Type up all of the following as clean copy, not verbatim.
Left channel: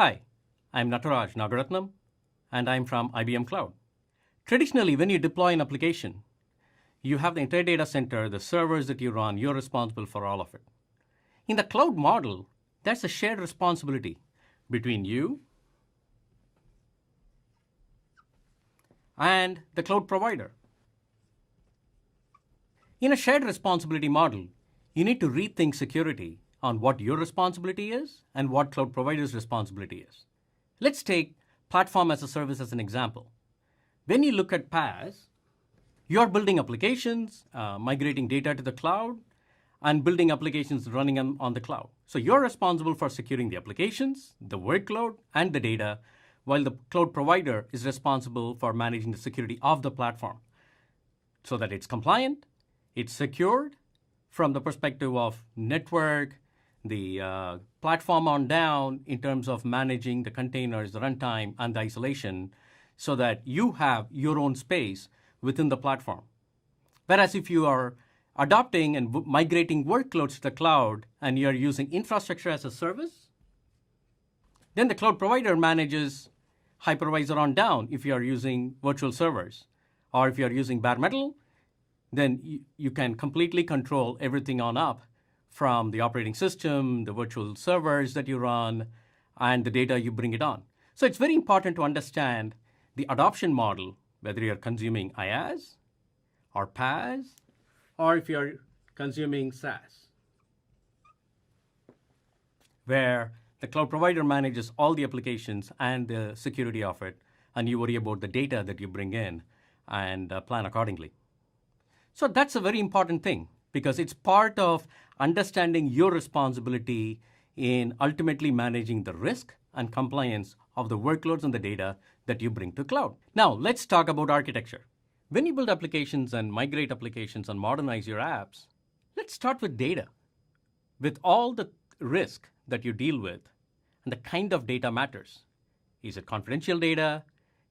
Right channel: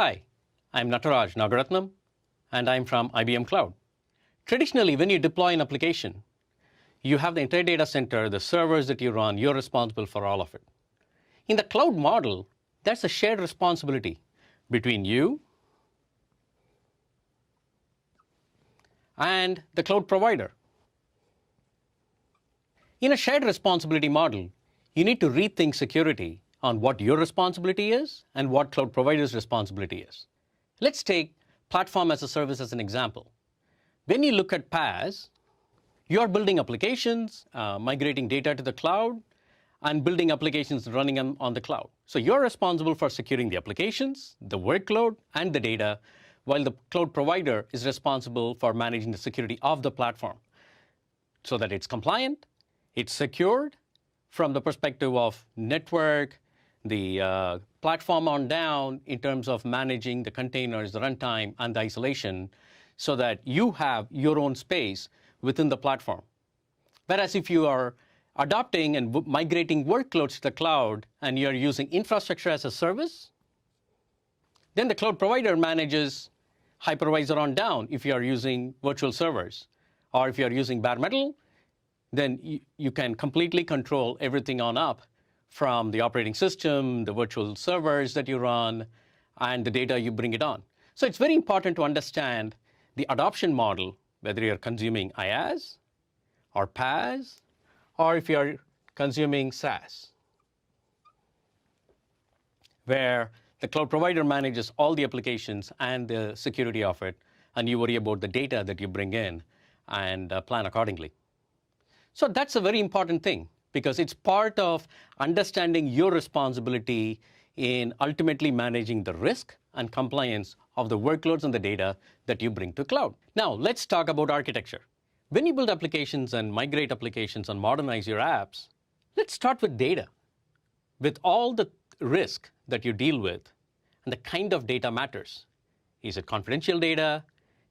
Hi, I'm Nataraj Nagaratnam, and I'm from IBM Cloud. Traditionally, when you deploy an application, you have the entire data center, the servers that you run, you're responsible for all of it. In the cloud model, that's a shared responsibility between you and the cloud provider. In a shared responsibility model, you need to rethink security on what your responsibility is and what cloud provider's responsibility is. Let's take platform as a service as an example. When you look at PaaS, you're building applications, migrating data to the cloud, and building applications running on the cloud. So you're responsible for securing the applications, the workload, and the data, while the cloud provider is responsible for managing the security of the platform so that it's compliant, it's secured from the perspective of network, the platform on down in terms of managing the containers, the runtime, and the isolation so that you have your own space within the platform. Whereas if you are adopting and migrating workloads to the cloud and you're using infrastructure as a service, then the cloud provider manages hypervisor on down if you're using virtual servers. Or if you're using bare metal, then you can completely control everything on up from the operating system, the virtual servers that you run, and the data you bring it on. So it's very important to understand the adoption model, whether you're consuming IaaS or PaaS, or if you're consuming SaaS, where the cloud provider manages all the applications and the security of it, and you worry about the data that you bring in and plan accordingly. So that's a very important thing because it's part of understanding your responsibility in ultimately managing the risk and compliance of the workloads and the data that you bring to cloud. Now, let's talk about architecture. When you build applications and migrate applications and modernize your apps, let's start with data. With all the risk that you deal with and the kind of data matters. Is it confidential data?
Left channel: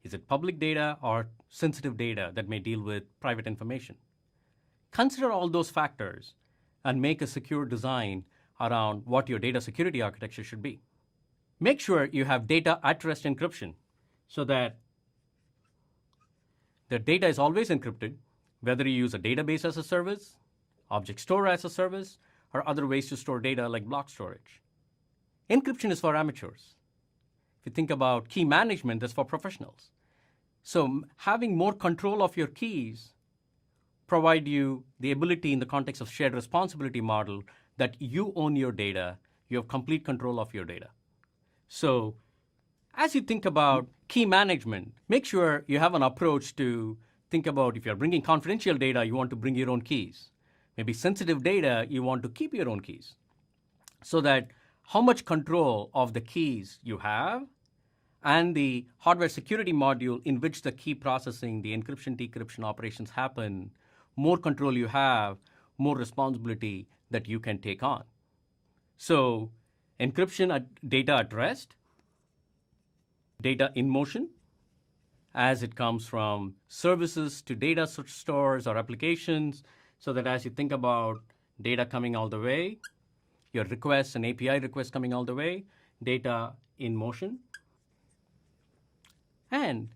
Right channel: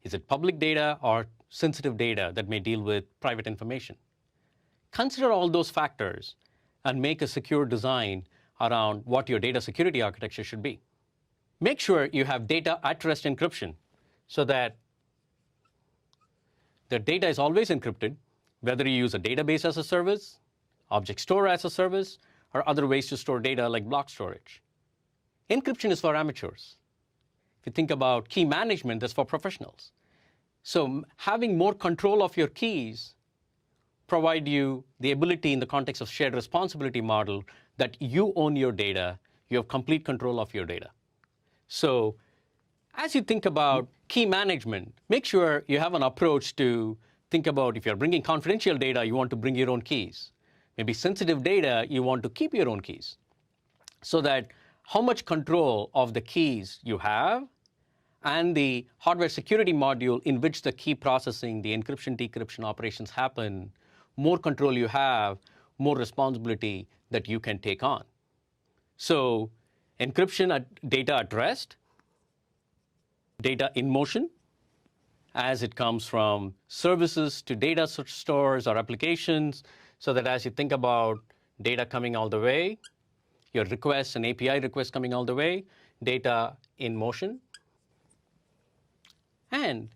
Is it public data or sensitive data that may deal with private information? Consider all those factors and make a secure design around what your data security architecture should be. Make sure you have data at rest encryption so that the data is always encrypted, whether you use a database as a service, object store as a service, or other ways to store data like block storage. Encryption is for amateurs. If you think about key management, that's for professionals. So having more control of your keys provide you the ability in the context of shared responsibility model that you own your data, you have complete control of your data. So as you think about key management, make sure you have an approach to think about if you're bringing confidential data, you want to bring your own keys. Maybe sensitive data, you want to keep your own keys. So that how much control of the keys you have and the hardware security module in which the key processing, the encryption, decryption operations happen, more control you have, more responsibility that you can take on. So encryption data at rest, data in motion, as it comes from services to data stores or applications, so that as you think about data coming all the way, your requests and API requests coming all the way, data in motion. And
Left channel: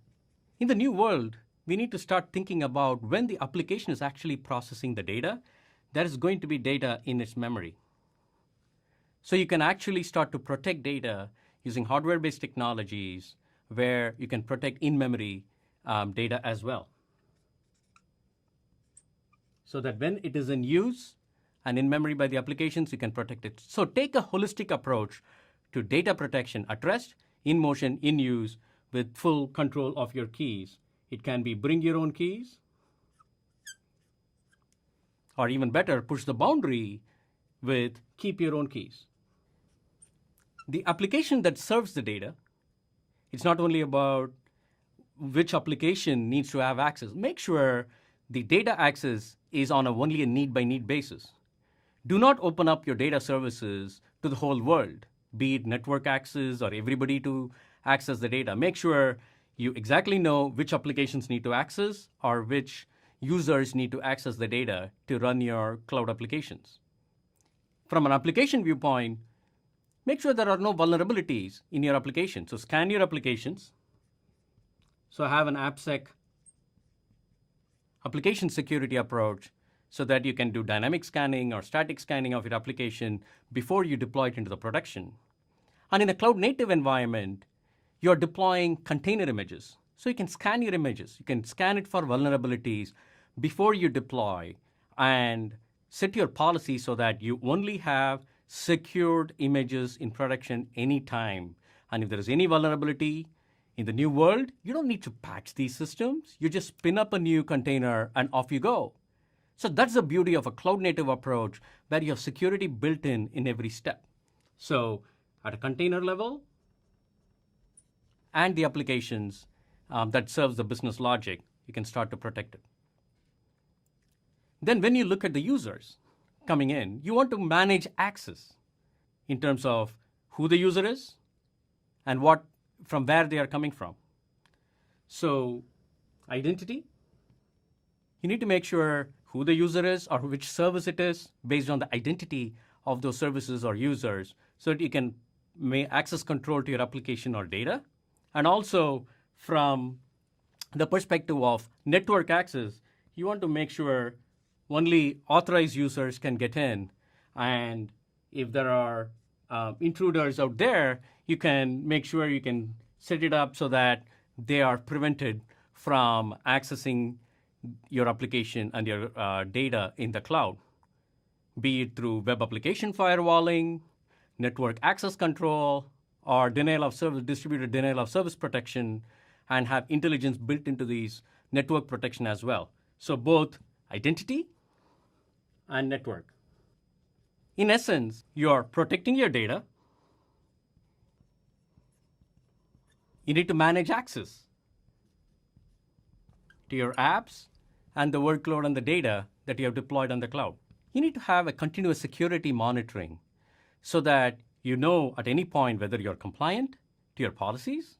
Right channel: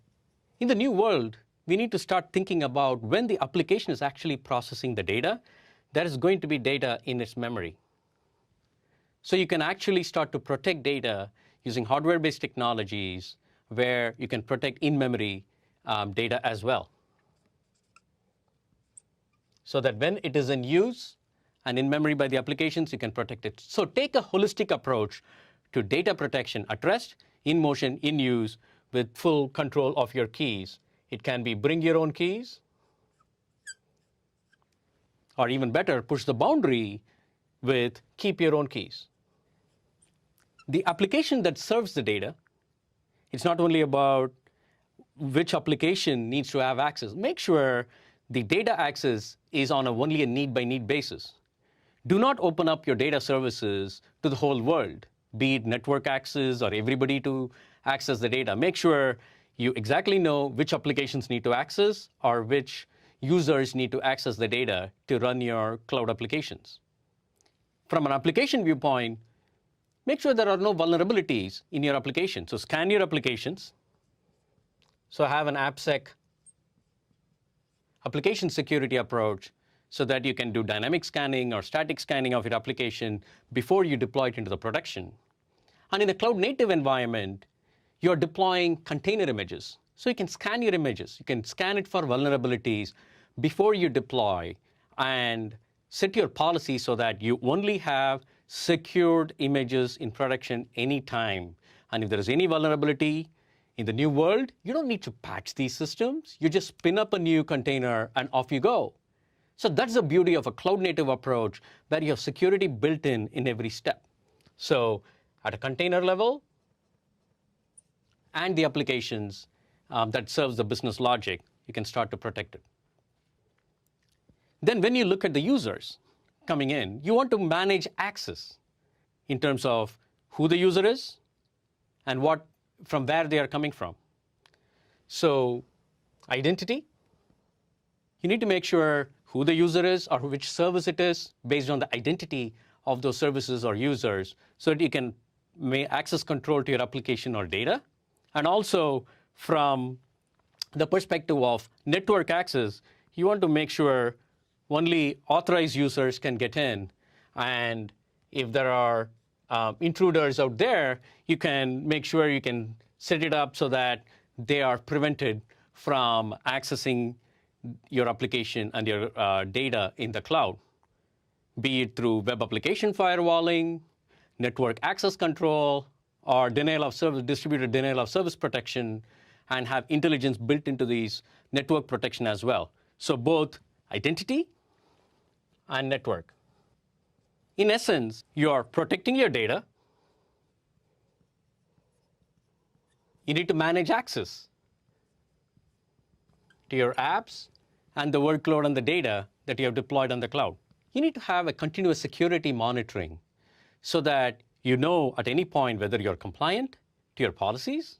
in the new world, we need to start thinking about when the application is actually processing the data, there is going to be data in its memory. So you can actually start to protect data using hardware-based technologies where you can protect in-memory data as well. So that when it is in use and in memory by the applications, you can protect it. So take a holistic approach to data protection at rest, in motion, in use, with full control of your keys. It can be bring your own keys, or even better, push the boundary with keep your own keys. The application that serves the data, it's not only about which application needs to have access. Make sure the data access is on only a need-by-need basis. Do not open up your data services to the whole world, be it network access or everybody to access the data. Make sure you exactly know which applications need to access or which users need to access the data to run your cloud applications. From an application viewpoint, make sure there are no vulnerabilities in your application. So scan your applications. So have an AppSec application security approach so that you can do dynamic scanning or static scanning of your application before you deploy it into the production. And in a cloud native environment, you're deploying container images. So you can scan your images. You can scan it for vulnerabilities before you deploy and set your policy so that you only have secured images in production anytime. And if there is any vulnerability in the new world, you don't need to patch these systems. You just spin up a new container and off you go. So that's the beauty of a cloud native approach, where you have security built in every step. So at a container level and the applications that serves the business logic, you can start to protect it. Then when you look at the users coming in, you want to manage access in terms of who the user is and from where they are coming from. So identity, you need to make sure who the user is or which service it is based on the identity of those services or users, so that you can make access control to your application or data. And also from the perspective of network access, you want to make sure only authorized users can get in. And if there are intruders out there, you can make sure you can set it up so that they are prevented from accessing your application and your data in the cloud, be it through web application firewalling, network access control, or denial of service, distributed denial of service protection, and have intelligence built into these network protection as well. So both identity and network. In essence, you are protecting your data. You need to manage access to your apps and the workload and the data that you have deployed on the cloud. You need to have a continuous security monitoring so that you know at any point whether you're compliant to your policies.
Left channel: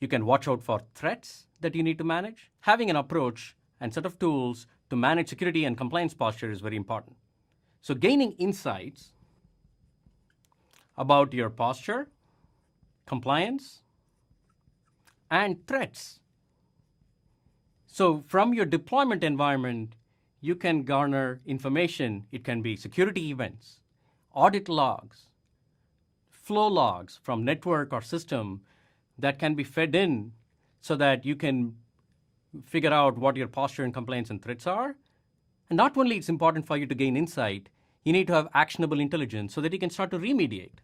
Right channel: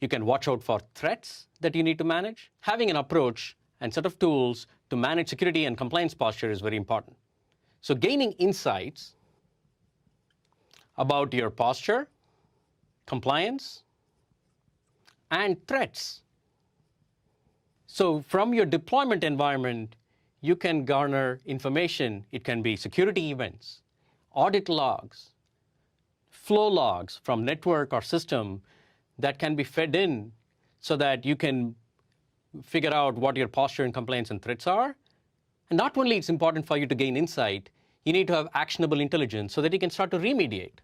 You can watch out for threats that you need to manage. Having an approach and set of tools to manage security and compliance posture is very important. So gaining insights about your posture, compliance, and threats. So from your deployment environment, you can garner information. It can be security events, audit logs, flow logs from network or system that can be fed in so that you can figure out what your posture and compliance and threats are. And not only it's important for you to gain insight, you need to have actionable intelligence so that you can start to remediate.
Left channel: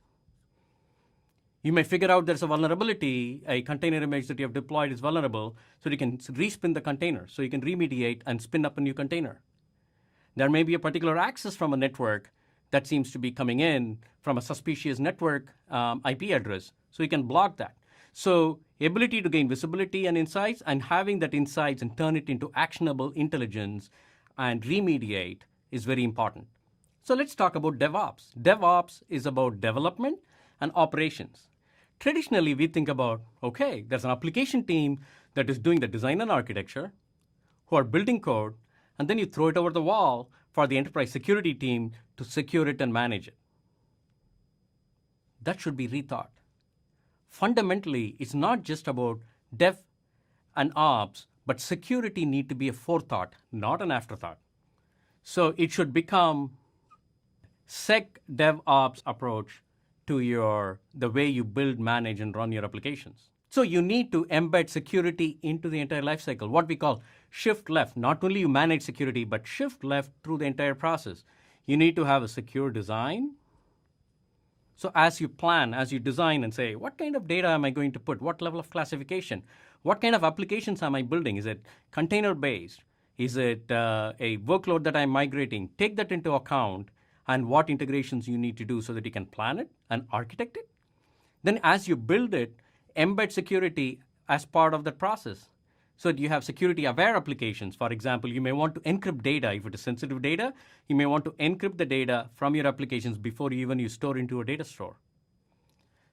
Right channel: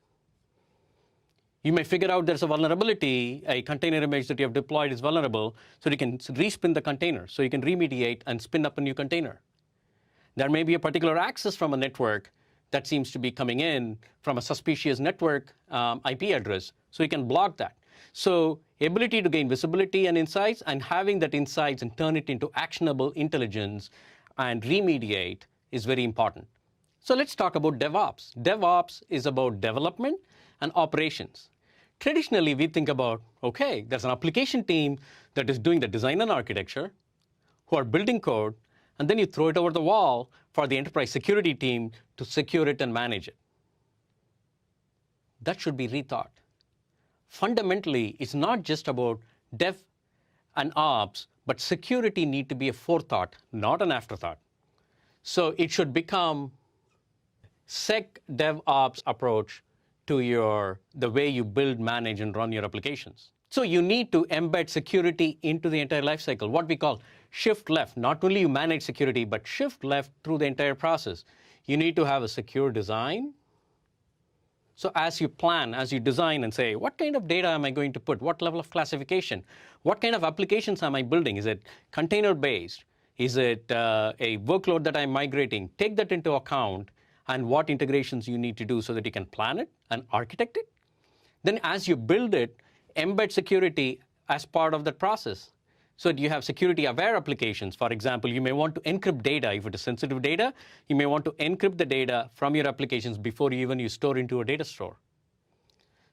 You may figure out there's a vulnerability, a container image that you have deployed is vulnerable, so you can respin the container, so you can remediate and spin up a new container. There may be a particular access from a network that seems to be coming in from a suspicious network IP address, so you can block that. So ability to gain visibility and insights, and having that insights and turn it into actionable intelligence and remediate is very important. So let's talk about DevOps. DevOps is about development and operations. Traditionally, we think about, okay, there's an application team that is doing the design and architecture, who are building code, and then you throw it over the wall for the enterprise security team to secure it and manage it. That should be rethought. Fundamentally, it's not just about dev and ops, but security need to be a forethought, not an afterthought. So it should become SecDevOps approach to the way you build, manage, and run your applications. So you need to embed security into the entire lifecycle, what we call shift left. Not only you manage security, but shift left through the entire process. You need to have a secure design. So as you plan, as you design and say, what kind of data am I going to put? What level of classification? What kind of applications am I building? Is it container-based? Is it a workload that I'm migrating? Take that into account, and what integrations you need to do so that you can plan it and architect it. Then as you build it, embed security as part of that process. So you have security-aware applications. For example, you may want to encrypt data. If it is sensitive data, you may want to encrypt the data from your applications before you store into a data store.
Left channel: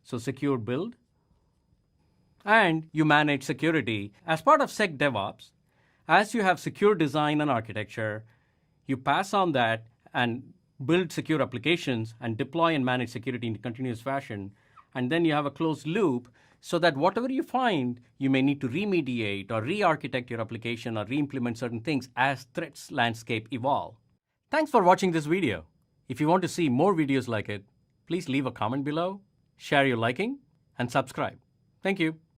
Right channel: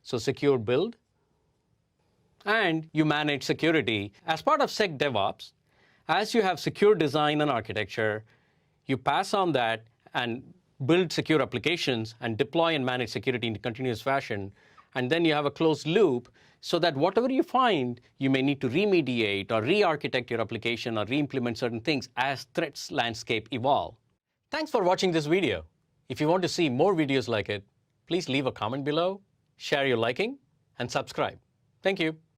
So secure build. And you manage security. As part of SecDevOps, as you have secure design and architecture, you pass on that and build secure applications and deploy and manage security in a continuous fashion. And then you have a closed loop so that whatever you find, you may need to remediate or re-architect your application or re-implement certain things as threats landscape evolve. Thanks for watching this video. If you want to see more videos like it, please leave a comment below, share your liking, and subscribe. Thank you.